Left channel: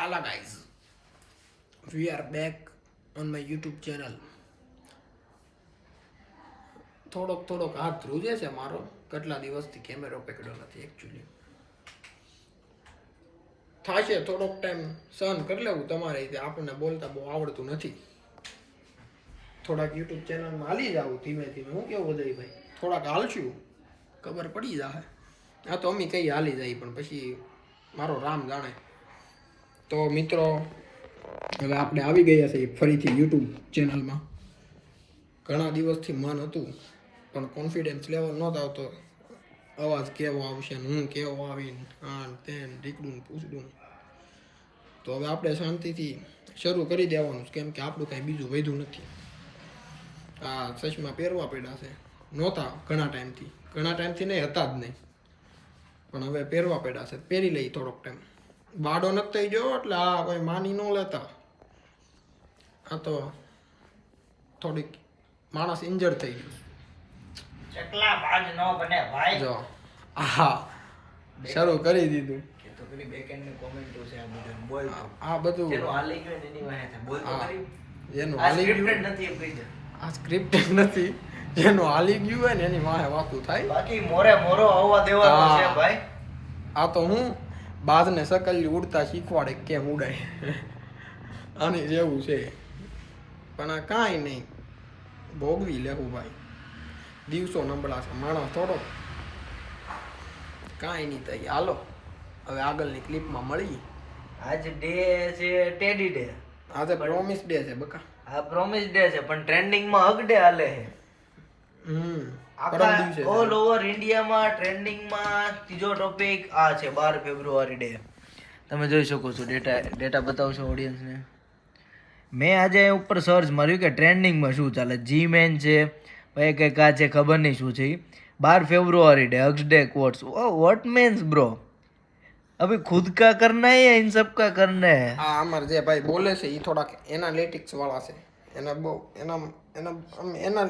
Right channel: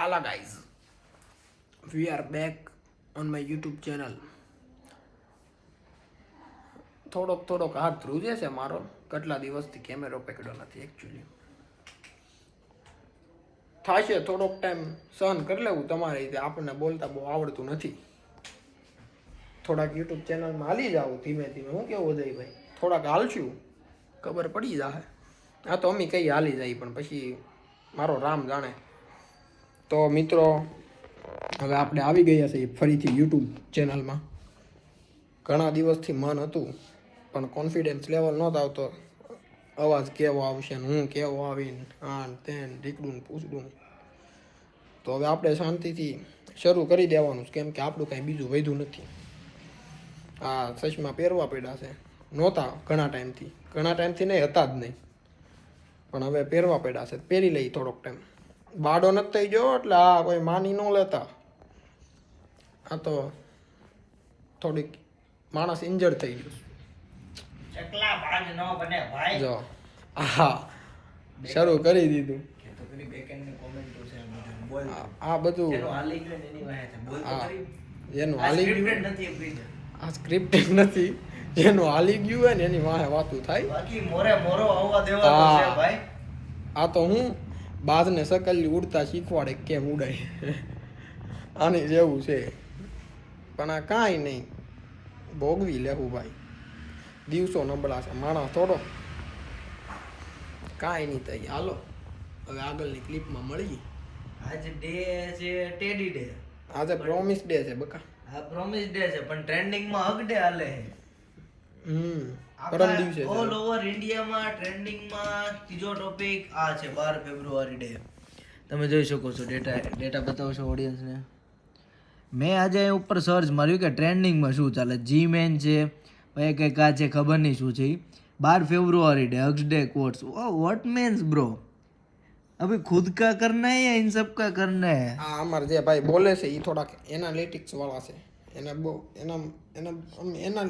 Hello guys, we are back on my YouTube channel. થોડોક હાથ ધ્રુજે છે મારો, કેટલા દિવસથી કેમેરો પકડ્યો નથી એકચ્યુઅલી. થાશે થોડોક ટાઈમ સહન કરી લેવું તમારે રીતે, આપણને બોલતા બહુ આવડતું નથી. થોડાક YouTube ચેનલમાં હાલી જાવ ધીમે ધીમે. હું કેવું ઉદયભાઈ, થોડાક હાલશું ખબર પડી જાય. હા તો અમે કઈ હાલી જાય પણ પછી મારો રામ જાણે. તો મિત્રો હવે આપણે આવી ગયા છીએ ફરીથી YouTube ચેનલમાં. ઘણા દિવસથી મન હતું પણ કોન્ફિડન્સ લેવલ નહોતો આવતો, અવાજ કેવો આવશે ને હું કેવો આવીને આન તેન રીકડું પૂછડું. તો હવે આપણે શાંતિથી શરૂ કરી દેવાનું, કેમ કે આપણું કાંઈ બીજું વધ્યું નથી. આ ચશ્મા પહેરવા પડ્યા છે, નહોતા ઘણા ટાઈમથી નહીં, હતા જ નહીં, પણ હવે પહેરવા પડ્યા છે. પહેરી લઈ થોડોક ટાઈમ. બાડો નથી થઈ ગયો એટલે આ કોઈ માની ન લેતા. આ તો થોડીક માણસ ઇન્જર થઈ ગયું. ચકલા બાજ નો બને ભાઈ. જો હા શરૂ કરી દીધું. તો પેલી બેકએન્ડ ની કોમેન્ટો છે આ બધું બોલ. આ બધું જેનો હાલી ગયો ને એની વાહે છે બોલ તો કરી. જેનું હાલી ગયું નથી એ કહી દે. આ સ્ક્રિપ્ટેડ નથી, જેનું હાલી ગયું હોય ને એની વાહે વાતું થાય. બાકી મોરો આવવા દેવાનો છે ભાઈ. આ તો હું બાજને સકલી ઉડતા શીખવાડે કેમ ઉડાય આની જેવું છે. પણ આ કાંઈ નહીં, ભોગવી લેવું ભાઈ. દિવસો નબળા છે, માણસ થોડો. કાંઈ નહીં થઈ. હાલો હવે આગળની ક્લિપમાં મળીએ. આજ ડે છે ટેડી ડે. આજે પ્રોમિસ ડે છે બકા. આ પ્રોમિસ ડે છે પણ ટ્રેન્ડિંગ માં હગ ડે હાલે છે. પરમ દિવસે ઓલ ઓવર ઇન્ડિયામાં ટ્રેન્ડિંગ માં ત્રીજો ટોપિક આ છે 12 ફેબ્રુઆરી ડે. તમે જોઈ શકો છો. ડેટા બતાવશો ઓડિયન્સ ને. મેં આજે ઉપર સર્ચ માર્યું કે ટ્રેન્ડિંગમાં શું ચાલે. જી મેન છે, ભાઈ કંઈક આ છે ખબર નહીં શું છે. 12 ફેબ્રુઆરી day hugs day quotes. What means bro? अभी खुद का करना है या इन सब का करना है? આ અમાર જે ભાઈ બોલે છે એ થોડાક એનાલિટિક્સ વાળા છે. એના બહુ એના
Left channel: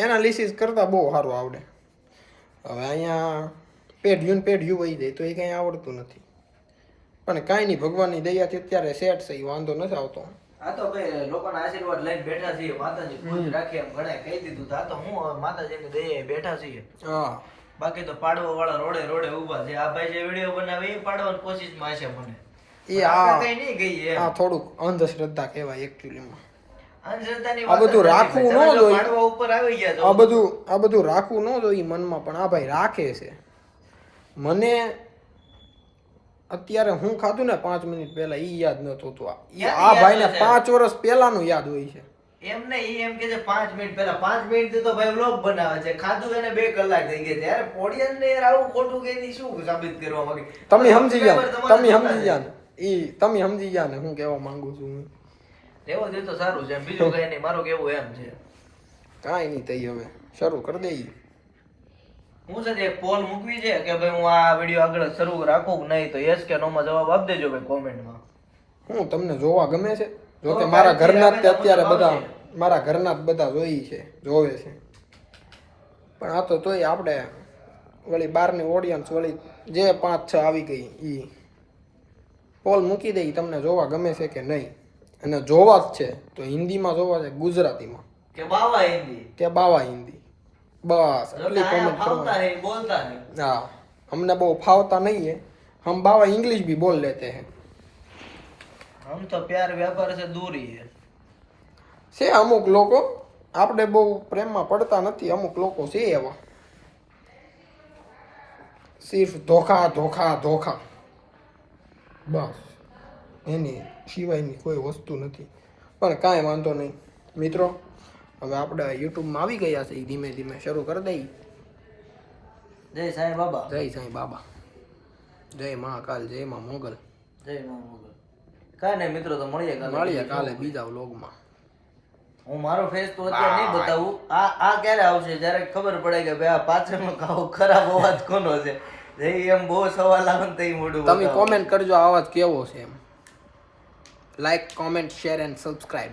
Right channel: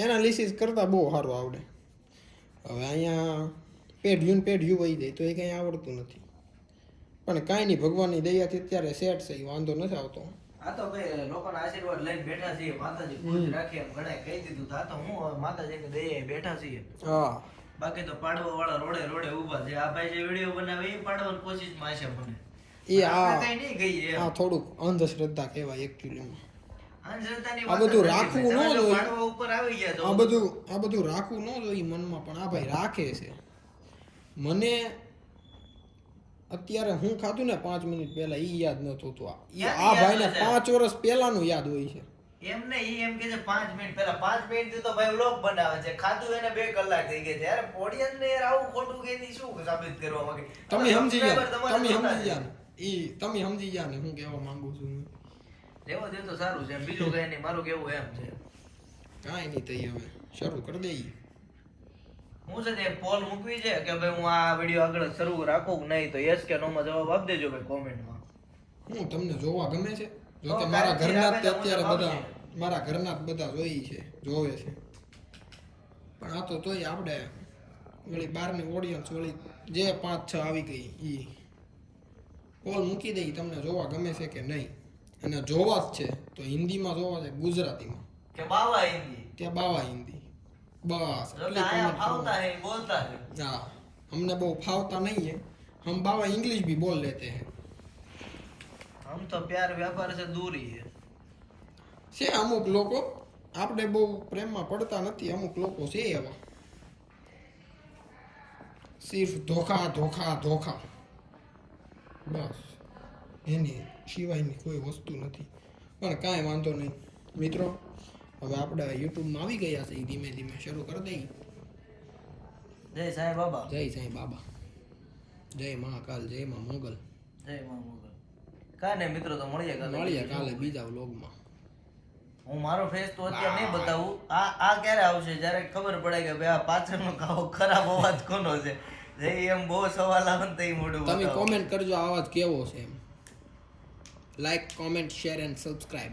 એનાલિસિસ કરતા બહુ સારું આવડે. હવે અહીંયા પેઢ્યું વહી જાય તો એ કંઈ આવડતું નથી. પણ કાંઈ નહીં, ભગવાનની દયાથી અત્યારે સેટ છે, એ વાંધો નથી આવતો. આ તો ભાઈ લોકોના આશીર્વાદ લઈને બેઠા છીએ. માતાજી ખુશ રાખે એમ ઘણા કહી દીધું. આ તો હું હવે માતાજીની દયાએ બેઠા છીએ. હા બાકી તો પાડવા વાળા રોડે ઊભા છે. આ ભાઈ જે વિડીયો બનાવે એ પાડવાની કોશિશમાં છે મને. એ આ કઈ નહીં ગઈ એમ. આ થોડુંક અંધશ્રદ્ધા કહેવાય એકચ્યુઅલીમાં. અંધશ્રદ્ધાની આ બધું રાખવું ન જોઈએ. પાડવા ઉપર આવી ગયા તો આ બધું રાખવું ન જોઈએ મનમાં, પણ આ ભાઈ રાખે છે. મને અત્યારે હું ખાધું ને 5 મિનિટ પહેલા ઈ યાદ નતું હતું. આ ભાઈને 5 વર્ષ પહેલાનું યાદ હોય છે. એમ ને ઈ એમ કે છે 5 મિનિટ પહેલા. 5 મિનિટ થી તો ભાઈ વ્લોગ બનાવે છે. ખાધું એને 2 કલાક થઈ ગયા છે. યાર ઓડિયન્સ ને યાર આવું ખોટું કે ની શું સાબિત કરવા માંગે? તમે સમજી ગયા ને હું કહેવા માંગુ છું. એવો દે તો સારું છે. બીજું કઈ નહીં, મારું કેવું એમ છે. કાંઈ નહીં થઈ. હવે શરૂ કરી દઈએ. હું છે એક પોલ મૂકવી છે કે ભાઈ હું આ વિડીયો આગળ શરૂ રાખું કે નહીં, તો યસ કે નો માં જવાબ આપી દેજો ભાઈ કોમેન્ટમાં. હું તમને જોવા ગમે છે? જો કે મારા ઘરના જ અત્યારે બધા જોઈ છે, જોવે છે. પણ આ તો તોય આપણે વળી બહારની ઓડિયન્સ વળી જે 5-6 આવી ગઈ એ પોલ મૂકી દઈ, તમને જોવા ગમે છે કે નહીં. અને જોવા જ છે તો હિન્દીમાં જોવા છે, ગુજરાતીમાં કે બાવા હિન્દી, કે બાવા હિન્દી. બસ એટલી કોમેન્ટ કરવાની. બોલતા है. हाँ, हमने वो फावता नहीं है, हम बाबा इंग्लिश भी बोल लेते हैं. हम तो प्यार व्यापार से दूर ही है. છે અમુક લોકો, આપણે બહુ પ્રેમમાં પડતા નથી. અમુક લોકો છે એવા, સિર્ફ ધોખા બસ, એની સિવાયની કોઈ વસ્તુ નથી. પણ કાંઈ વાંધો નહીં મિત્રો. હવે આપણે યુટ્યુબમાં આવી ગયા છે, ધીમે ધીમે શરૂ કરી દઈએ. જય સાંઈ બાબા. જય સાંઈ બાબા, જય મહાકાલ, જય મા મોગલ. જય મા મોગલ. કાંઈ નહીં મિત્રો, તો મળીએ કાલે બીજા વ્લોગમાં. હું મારો ફેસ તો અત્યારે નહીં બતાવું. આ ક્યારે આવશે જ્યારે ખબર પડે કે ભાઈ આ પાછળનો ખરાબ અવાજ કોનો છે. એમ બહુ સવાલ આવે તો મોઢું તમે કોમેન્ટ કરજો અવાજ કેવો છે એમ. Like, comment, share and subscribe.